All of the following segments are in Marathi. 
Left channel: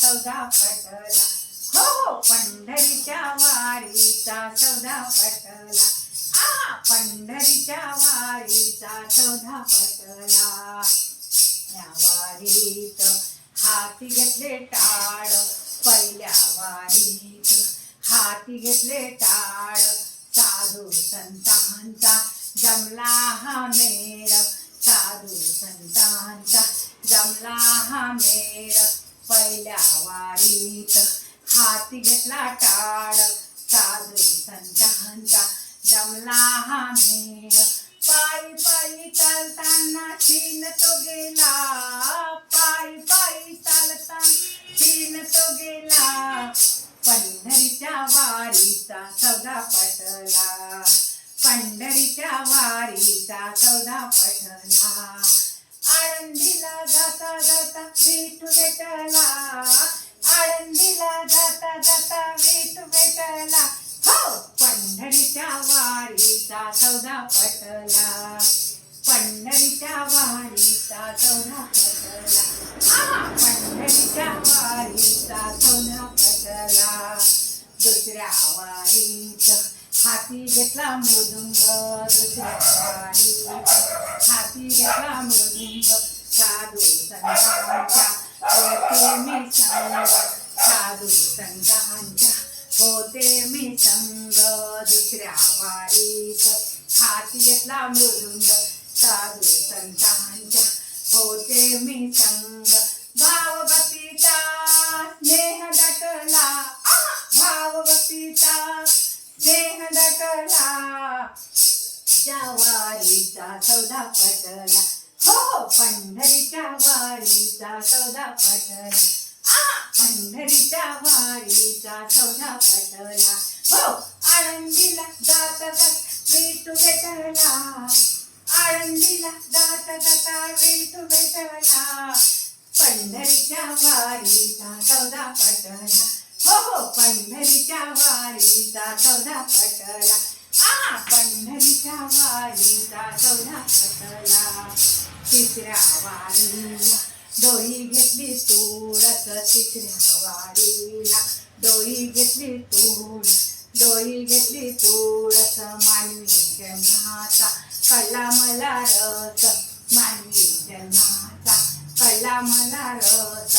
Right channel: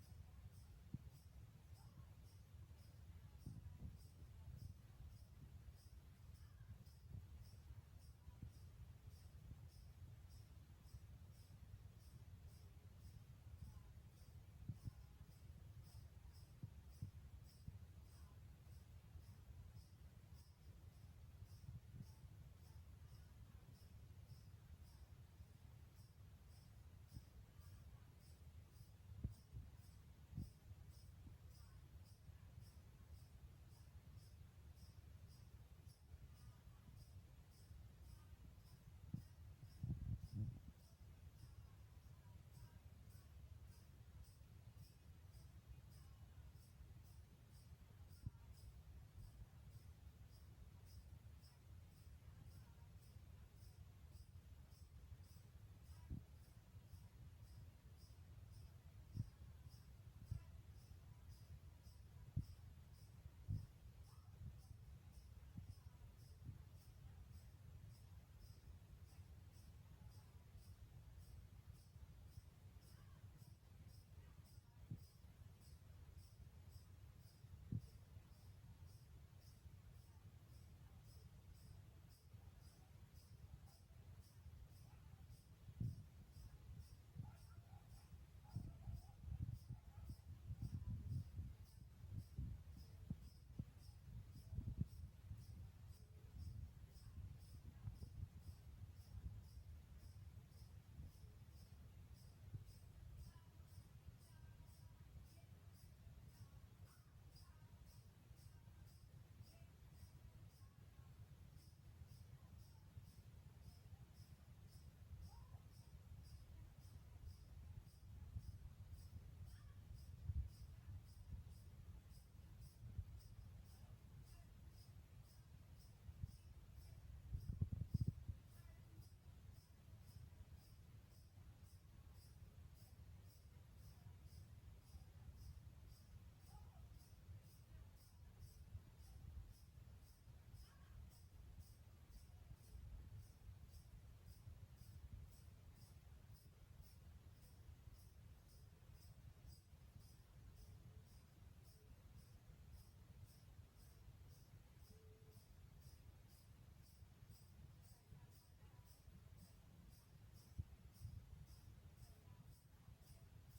सौदा पटला. हो हो पंढरीच्या वारीचा सौदा पटला. पंढरीच्या वारीचा सौदा पटला. या वारीत हाती घेतले टाळ, पहिल्या वारीत हाती घेतले टाळ. साधू संतांचा जमला हा मेळ, साधू संतांचा जमला हा मेळ. पहिल्या वारीत हाती घेतला टाळ, साधू संतांचा जमला हा मेळ. पायी पायी चालताना चीन तो गेला, पायी पायी चालताना चीन तो गेला. पंढरीच्या वारीचा सौदा पटला, पंढरीच्या वारीचा सौदा पटला. आळंदीला जाता जाता विठू भेटला, आळंदीला जाता जाता विठू भेटला. हो पंढरीच्या वारीचा सौदा पटला, पंढरीच्या वारीचा सौदा पटला. पंढरीच्या वारीचा सौदा पटला. दुसऱ्या वारीत हाती घेतला मृदुंग, दुसऱ्या वारीत हाती घेतला मृदुंग. साधू संतांच्या होते मी संग, साधू संतांच्या होते मी संग. दुसऱ्या वारीत हाती घेतला मृदुंग, साधू संतांच्या होते मी संग. भावभक्तीचा स्नेह दटला, भावभक्तीचा स्नेह दटला. त्या वारीचा सौदा पटला. हो पंढरीच्या वारीचा सौदा पटला, पंढरीच्या वारीचा सौदा पटला. हो आळंदीला जाता जाता विठू भेटला, आळंदीला जाता जाता विठू भेटला. पंढरीच्या वारीचा सौदा पटला. हो हो पंढरीच्या वारीचा सौदा पटला. पंढरीच्या वारीचा सौदा पटला. तिसऱ्या वारीला डोई घेतली तुळस, तिसऱ्या वारीला डोई घेतली तुळस, डोई घेतली तुळस. मानवी जन्माचा कळला मला रस, मानवी जन्माचा कळला मला रस.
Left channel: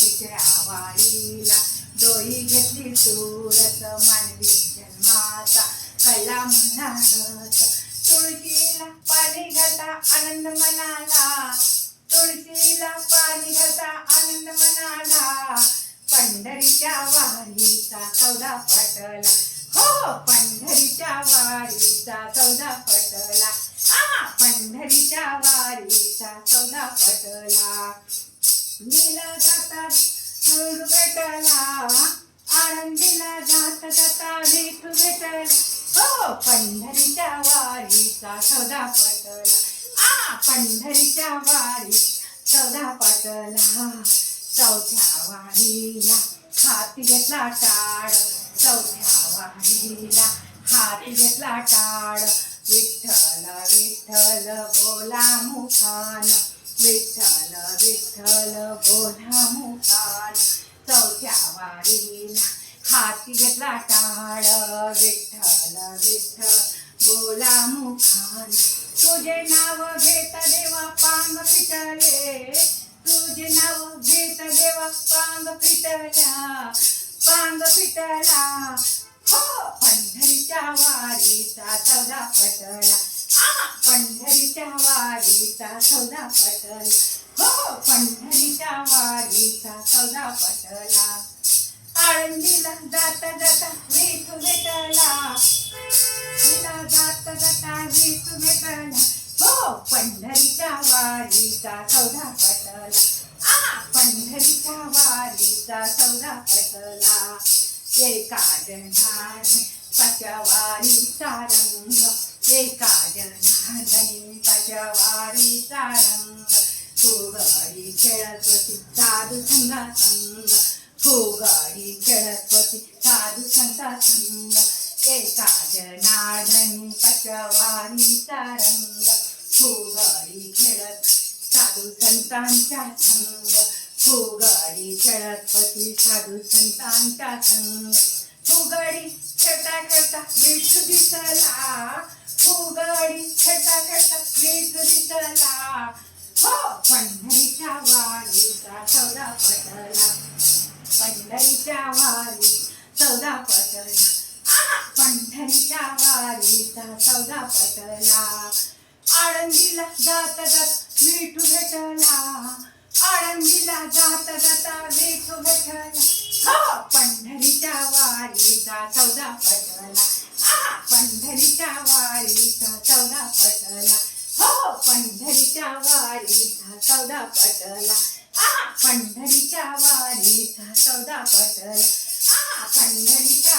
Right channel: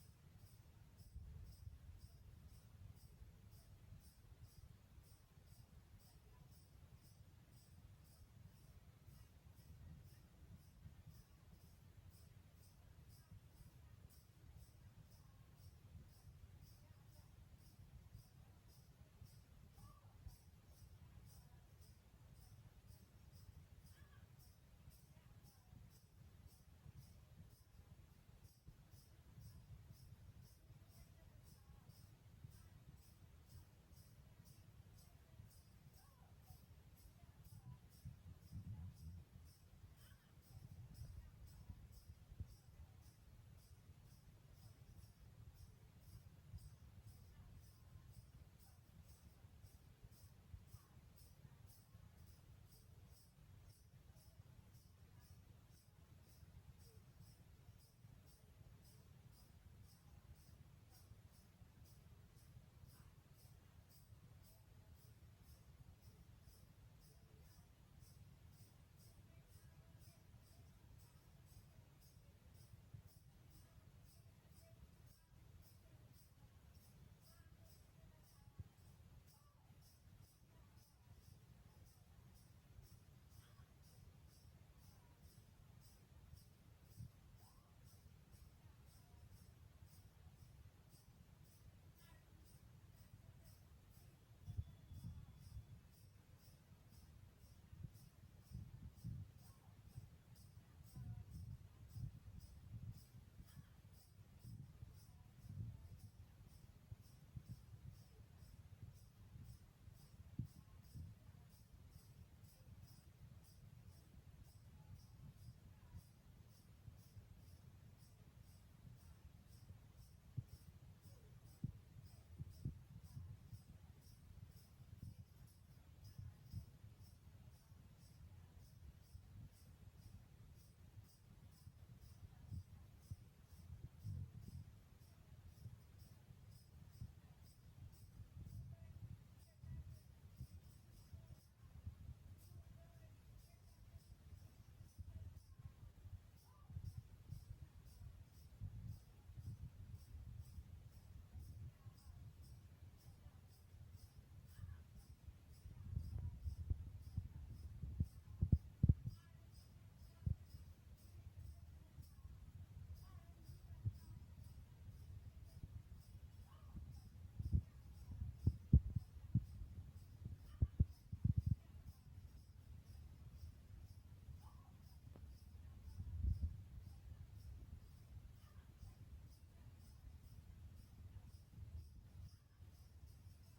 तिसऱ्या वारीला डोई घेतली तुळस, मानवी जन्माचा कळला मला रस. तुळशीला पाणी घाता आनंद मनाला, तुळशीला पाणी घाता आनंद मनाला. पंढरीच्या वारीचा सौदा पटला. हो पंढरीच्या वारीचा सौदा पटला. पंढरीच्या वारीचा सौदा पटला. नीला जाता विठू भेटला, आळंदीला जाता जाता विठू भेटला. हो पंढरीच्या वारीचा सौदा पटला. पंढरीच्या वारीचा सौदा पटला. चौथ्या वारीला हाती घेतला टाळ, चौथ्या वारीला हाती घेतला टाळ. विठ्ठल विठ्ठल बोला मुखान, विठ्ठल विठ्ठल बोला मुखान. चौथ्या वारीला हाती घेतला टाळ, विठ्ठल विठ्ठल बोला मुखान. तुझे नाव घेत देवा पांग फिटले, तुझे नाव घेत देवा पांग फिटल्या, पांग फिटला. हो पंढरीच्या वारीचा सौदा पटला. पंढरीच्या वारीचा सौदा पटला. हो पंढरीच्या वारीचा सौदा पटला. आळंदीला जाता जाता विठू भेटला, तिला जाता जाता विठू भेटला. हो पंढरीच्या वारीचा सौदा पटला. पंढरीच्या वारीचा सौदा पटला. एका जनार्दनी पाच्या वारीचा रंग, एका जनार्दनी पाच्या वारीचा रंग. फुगडी खेळत होती साधू संगा संग, फुगडी खेळत होती साधू संगा संग. एका जनार्दनी पाच्या वारीचा रंग, फुगडी खेळत साधू संतांच्या संग, फुगडी खेळत होती साधू संतांच्या संग फुगडी खेळता खेळता विठू दिसला फुगडी खेळता खेळता विठू दिसला हो पंढरीच्या वारीचा सौदा पटला पंढरीच्या वारी सौदा पटला पंढरीच्या वारीचा सौदा पटला आळंदीला जात जात विठू भेटला आळंदीला जात जाता विठू भेटला हो पंढरीच्या वारीचा सौदा पटला पंढरीच्या वारीचा सौदा पटला हो पंढरीच्या वारीचा सौदा पटला पंढरीच्या वारीचा सौदा पटला पंढरीच्या